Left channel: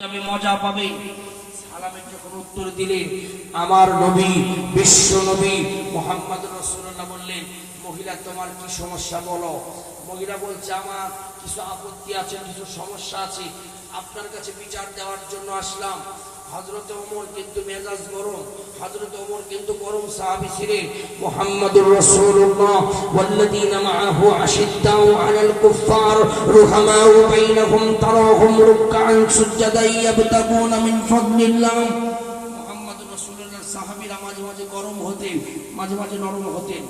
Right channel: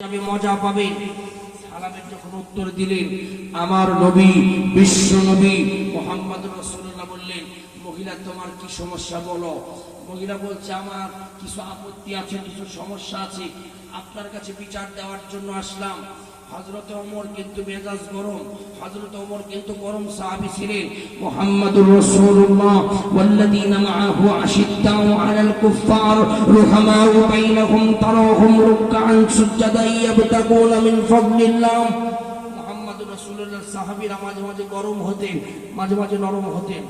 তবে মজা পাবে। সালামের যখন উত্তর দিলেন আমার নবী বিশ্ব নবী মুহাম্মদ রাসূলুল্লাহ বললেন, মহিলা তোমার কি সমস্যা বলো। মহিলা বলছে আমার কিছু আপত্তি আছে, কিছু সমস্যা আছে, আপনার কাছে বিচার দেওয়ার জন্য আসলাম। হযরত ওমর কিন্তু মেজাজ গরম, হযরত ওমর কিন্তু গরম সাহাবী ছিলেন। মুহাম্মদুর রাসূলুল্লাহ ওয়াল্লাযীনা মাআহু আশিদ্দাউ আলাল কুফফার রুহামাউ বাইনাহুম তারাহুম রুকআন সুজদান ইয়াবতাগুনা মিন ফাদলিল্লাহ। মুহাম্মদুর রাসূলুল্লাহর সাহাবীরা মাঝে মাঝে গরম হতেন, মাঝে মাঝে নরম হতেন।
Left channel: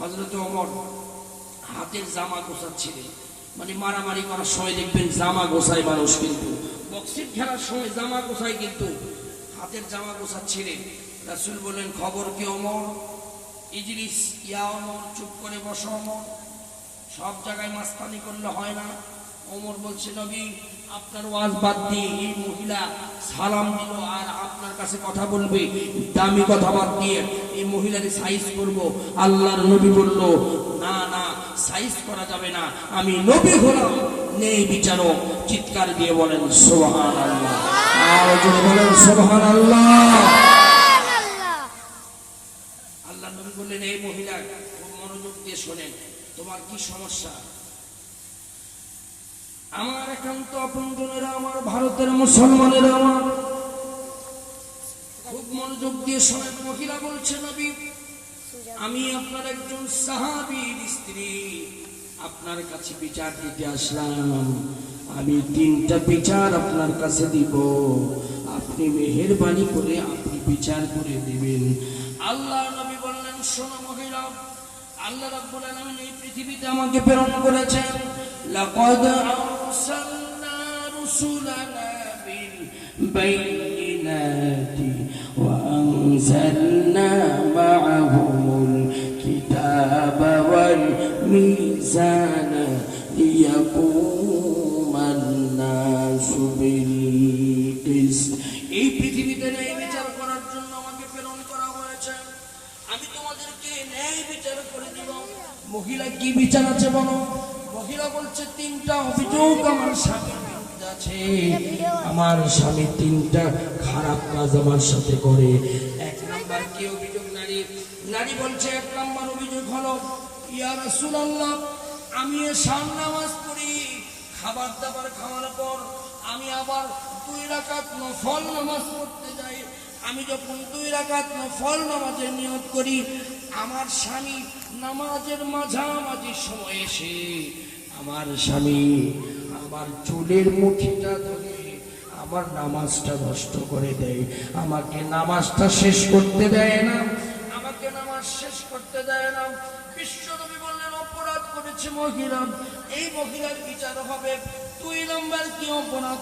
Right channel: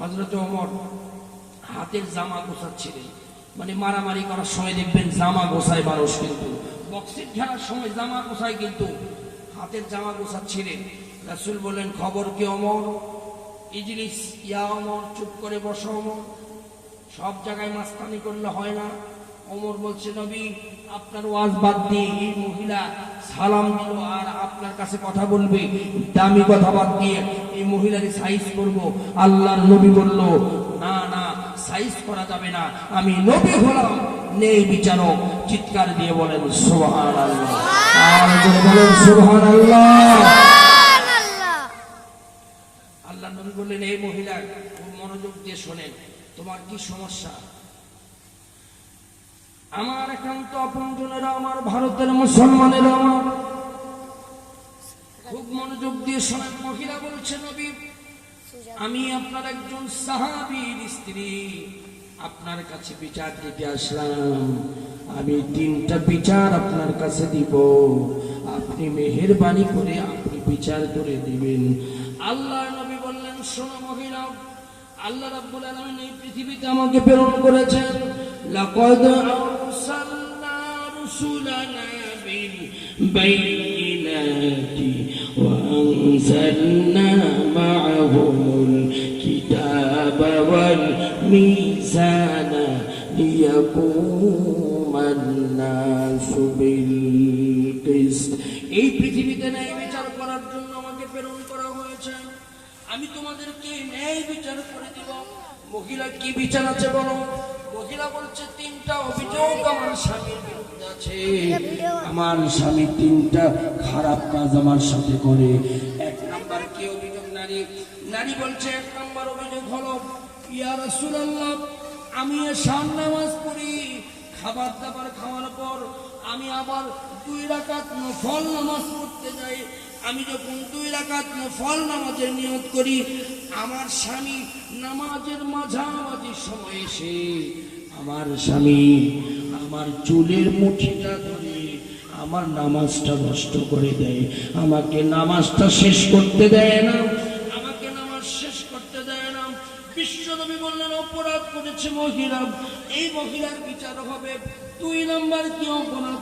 হযরত ওমর হাতের জামা গোছাচ্ছিলেন, মানে মারামারি করার সময় দেখবেন জামা গোছায় মানুষ, কিন্তু বক্সিং খেলার সময় জামা গোছায়, কিন্তু হাতের জামা গোছাচ্ছিলেন। রাসূল বললেন, খবর কি ওমর? ইজলিস ইয়া ওমর, চুপ করে বসো ওমর, সব জায়গায় মাস্তানি করলে হয় না। ওমর বলছে, নবী আপনার ওয়াজ বাদ দিয়ে এই মহিলা সালাম দিল আর আপনার কাছে কথা বলবে, দামি কথা বাদ দিয়ে এই মহিলাকে সাইজ করব। আল্লাহর নবী বলল, না না, সাইজ করা যাবে না, আমি নবী হলাম, নেই বিচারক। চিৎকার দিয়ে বলেন সুবহানাল্লাহ, আর যদি বলেন সুবহানাল্লাহ। আল্লাহর নবী বললেন, এই মহিলা খুব মনোযোগ দিয়ে শোনেন, তোমার কি সমস্যা? আমার একান্ত আপনজনেরা, আমার ভারতের মুসলমানেরা, আমার খুব মনোযোগ দিয়ে শোনেন। মহিলা বলছে, নবী আমি আপনার একজন সাহাবীর স্ত্রী, আপনার কাছে বিচার দিতে আসলাম। আমি 3টা বিচার আপনার কাছে দিব, আপনি মেহেরবানি করে আপনি বিচার করে দিবেন। আল্লাহ নবী বললেন, শোনো মহিলা, আল্লাহ রাব্বুল আলামিন এই পৃথিবীতে আমাকে প্রেরণ করেছেন। লাকাদ আরসালনা রুসুলানা বিল বাইয়িনাতি ওয়া আনজালনা মা'আহুমুল কিতাবা ওয়াল মিজানা লিয়াকুমান নাসু বিল কিসত। এই পৃথিবীতে ন্যায় বিচার করার জন্য আমাকে প্রেরণ করা হয়েছে। আমি তোমাদেরকে ন্যায় বিচার করে দিব। মহিলা কি বিচার আছে বলো? মহিলা বলছে, 3টা অভিযোগ আমার স্বামীর বিরুদ্ধে আছে। আমার স্বামী 3টা খারাপ কাজ আমার সাথে করে। 1 নাম্বার কি অভিযোগ? নারী বলছে, 1 নাম্বার অভিযোগ হলো, ইয়া রাসূলুল্লাহ আমি এশার নামাজ পড়ি, খাবার দাবার খাওয়ার পর আমি আবার 2 রাকাত নফল নামাজ পড়তে যাই। আমি যখন 2 রাকাত নফল নামাজের নিয়ত করি, আমার স্বামী নামাজের মাঝামাঝি সময় এসে আমার স্বামী আমার চুলের মুঠিটা ধরে আমার নামাজটা নষ্ট করে দেয়, আমাকে নামাজটা শেষ করতে দেয় না, আমাকে নামাজ শেষ করতে দেয় না। বিশ্বনবী বললেন, অপরাধ করেছে মহিলা, এই মহিলার বিচার হবে। 2 নাম্বার কি অপরাধ?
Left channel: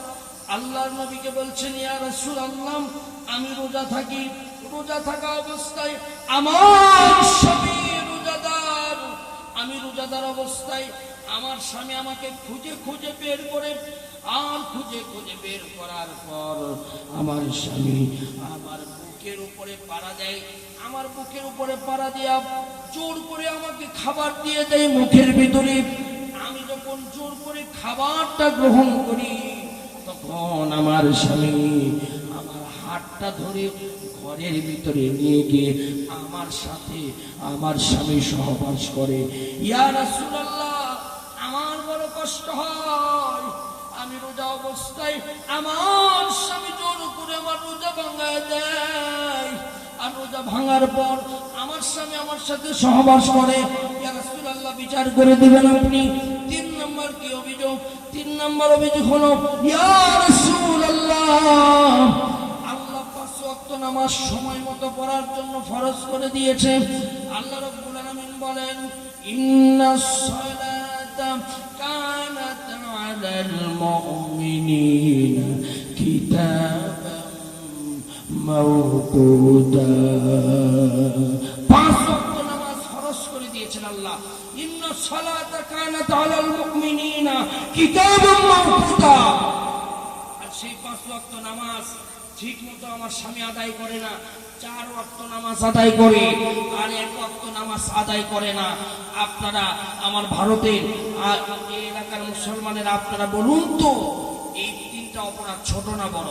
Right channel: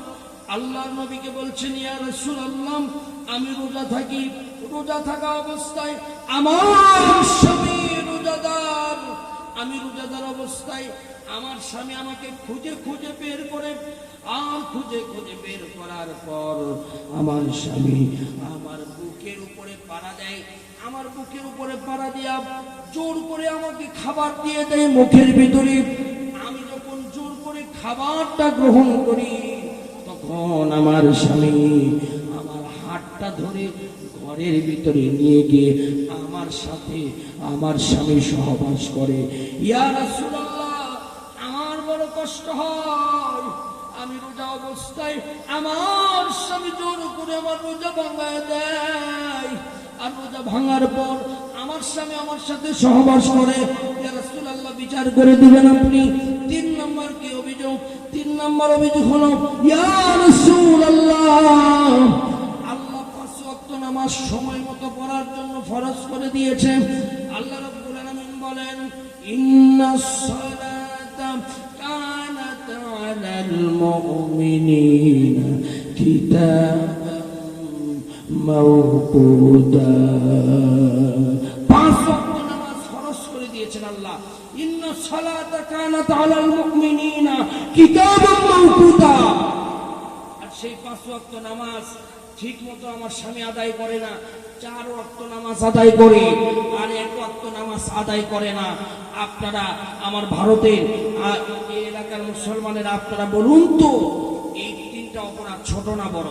আল্লাহর নবীকে বলছেন, ইয়া রাসূলুল্লাহ আমি রোজা থাকি, রোজা থাকা অবস্থায় আমার স্বামী রোজাদার, আমি রোজাদার অবস্থায় আমার স্বামী আমাকে খুঁজে খুঁজে বের করে, আর খুঁজে খুঁজে বের করার পর আমার স্বামী আমার বুকের উপরে পাড়া দেয়, আমার বুকের উপরে পাড়া দিয়া জোর করে আমাকে খাবার দিয়ে দেয় মুখের ভিতরে। আমি যখন জোর করে খাবারটা গ্রহণ করি, তখন আমার স্বামী আমার হাতটা ধরে ঘরের ভিতরে নিয়ে গিয়ে আমার সাথে আমার স্বামী সহবাস করে। ইয়া রাসূলুল্লাহ আমার বড় কষ্ট হয়, আমি রোজা অবস্থায় আমার স্বামী জোর করে আমার রোজা ভাঙায় দেয়, আর রোজা ভাঙার পর আমার স্বামী আমার সাথে সহবাস করে। ইয়া রাসূলুল্লাহ বিচার করে দিবেন আপনি। 3 নম্বর কি অভিযোগ? 3 নম্বর অভিযোগ হলো, ইয়া রাসূলুল্লাহ আল্লাহ 5 ওয়াক্ত নামাজ সময় মতো পড়ার জন্য ফরজ করে দিয়েছেন। আল্লাহ রাব্বুল আলামিন বলেন, ইন্নাস সালাতা কানাত আলাল মুমিনিনা কিতাবাম মাওকুতা। 5 ওয়াক্ত নামাজ ফরজ করে দিয়েছেন আল্লাহ। ইন্নাস সালাতা কানাত আলাল মুমিনিনা কিতাবাম মাওকুতা। আর সেই 5 ওয়াক্ত নামাজ ঠিক মতো আমার স্বামী আদায় করে না, 4 ওয়াক্ত নামাজ আদায় করে আর 1 ওয়াক্ত নামাজ আদায় করে না। আপনারা আমার ভারতের এই এলাকার মুসলমানেরা আপনারা বলুন তো, এই 3টা অপরাধ ছোট না বড়?